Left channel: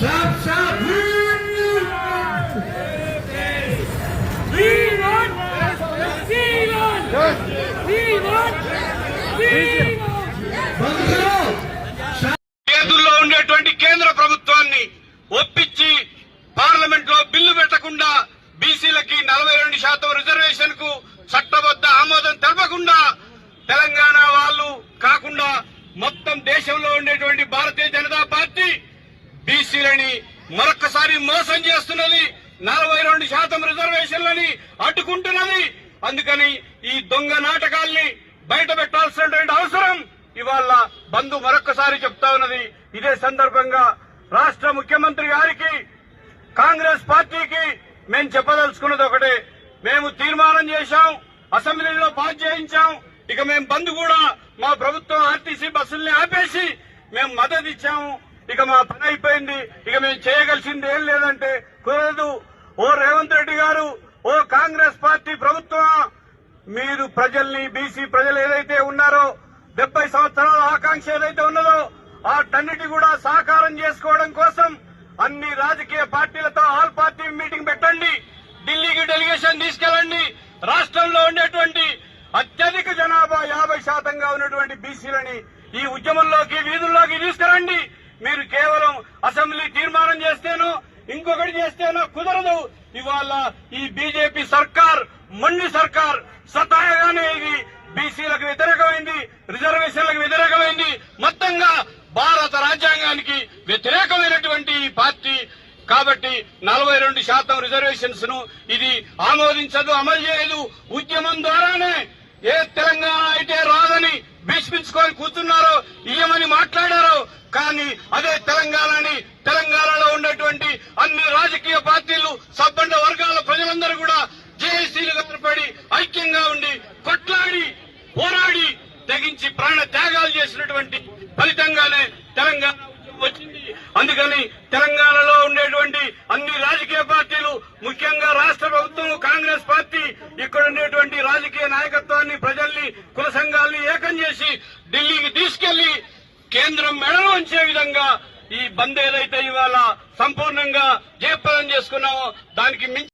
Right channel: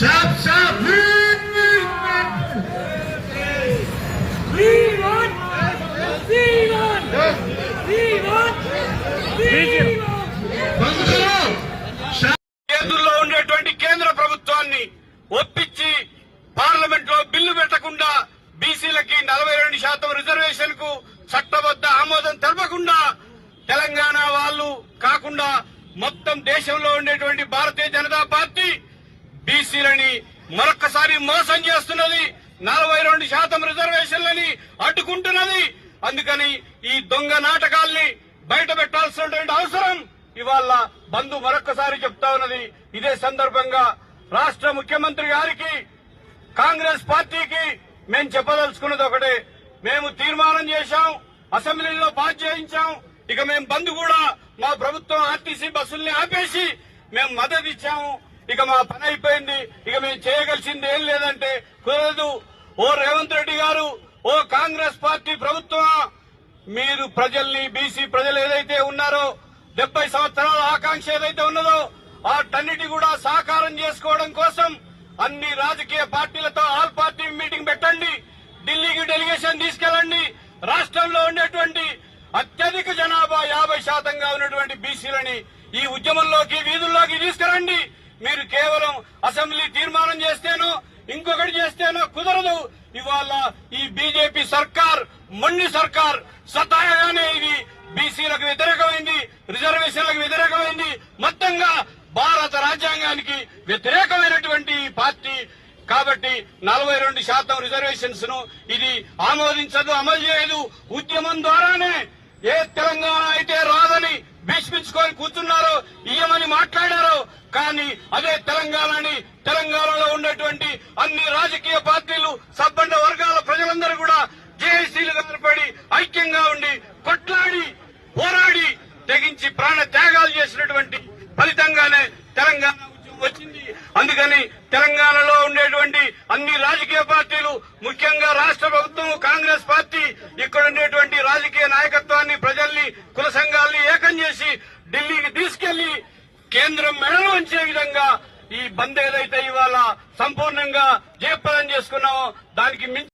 కేంద్రంలో ఉండేటువంటి కేంద్ర ప్రభుత్వాన్ని ఒప్పించి పార్లమెంట్ లో బిల్లు పెట్టకుండా బీసీలకి 42% రిజర్వేషన్ కు చట్టబద్ద ఆమోదం తెలపకుండా తెలంగాణ వాళ్ళు కాకుండా మొత్తం దేశంలో ఉండేటువంటి భారతీయ జనతా పార్టీ బీసీలని మరొక్కసారి మోసం చేస్తున్నది. 42% రిజర్వేషన్లని అడ్డుకుంటున్నది. అందుకని ఈ దొంగ నాటకాల్ని బయట పెట్టాల్సినటువంటి అవసరం ఇవాళ బంధు మరొక్కసారి చెప్తా ఉన్నది. ఇదే సందర్భంగా రాష్ట్ర ముఖ్యమంత్రి గారికి కాంగ్రెస్ పార్టీకి మేము చెప్పదలుచుకున్నది ఒకటే. మేము తీర్మానం చేశాం, అసెంబ్లీలో పాస్ చేయించాం. ఇక మేము బంద్ కూడా మా ప్రభుత్వం ఆర్టీసీ బస్సుల్ని ఆపేసి మేము మద్దతు ఇచ్చాము. ఇక మా పని అయిపోయింది. ఇక మేము చేయగలిసింది ఏం లేదంటే కుదరదు. ఓ రేవంత్ రెడ్డి గారు, ఓ కాంగ్రెస్ పార్టీ ప్రభుత్వం, మీరు ప్రజల్ని బీసీ ప్రజలు ఏదైతే ఉన్నారో 70 సంవత్సరాల ఆకాంక్ష ఏదైతే ఉన్నదో వాటన్నిటి కూడా సాకారం చేసుకోవడం కోసం అన్ని రాజకీయ పార్టీలతో ఆల్ పార్టీ మీటింగ్ పెట్టండి, ఢిల్లీకి డెలిగేషన్ తీసుకెళ్లండి. రాష్ట్రంలో ఉండేటువంటి అత్యధిక జనాభా 50% ఉన్నటువంటి బీసీలని ఈ ఉద్యమంలోకి వీధుల్లోకి తీసుకురండి. మీరు కేవలం అసెంబ్లీ తీర్మానం చేస్తేనో ఇంకొకటి చేస్తేనో కుదరదు. ఇవాళ ఈ బీజేపీ సర్కార్ మొండి సర్కార్ సతాయగానే ఇది బీసీలకు వ్యతిరేకమైంది, రిజర్వేషన్లకు వ్యతిరేకమైంది, మొత్తంగా భారత రాజ్యాంగానికి వ్యతిరేకమైనటువంటి ఈ పార్టీ. కాబట్టి 42% రిజర్వేషన్స్ ను ఇది ఆమోదించదు, అమలు చేయదు. ఉద్యమం ద్వారానే ఏ తెలంగాణ అయితే రాదని భీష్మించుకొని కూర్చున్నారో, ఇయ్యమని మాట్లాడారో, కానీ అదే తెలంగాణలో ఉండేటువంటి అన్ని రాజకీయ పార్టీలు, సబ్బండ వర్గాల ప్రజలందరూ కూడా జేఏసీలుగా ఏర్పడి ఐక్యంగా ఉండి కొట్లాడి పోరాడి తెగించి ప్రాణ త్యాగాలు చేసినటువంటి ఫలితంగానే తెలంగాణ వచ్చింది. అందుకని తెలంగాణలో ఉండేటువంటి అన్ని రాజకీయ పార్టీలు, ముఖ్యంగా రాష్ట్ర ప్రభుత్వం కాంగ్రెస్ పార్టీ, ఇక్కడ ఉండేటువంటి రాజకీయ నాయకత్వాన్ని, ప్రజల్ని, కుల సంఘాలని ఏకం చేసి ఢిల్లీకి తీసుకెళ్లి కేంద్రం మెడలు వంచే విధంగా ఈ బంద్ ఏదైతే ఇవాళ సంపూర్ణంగా జయప్రదం చేసుకున్నామో దానికి మించి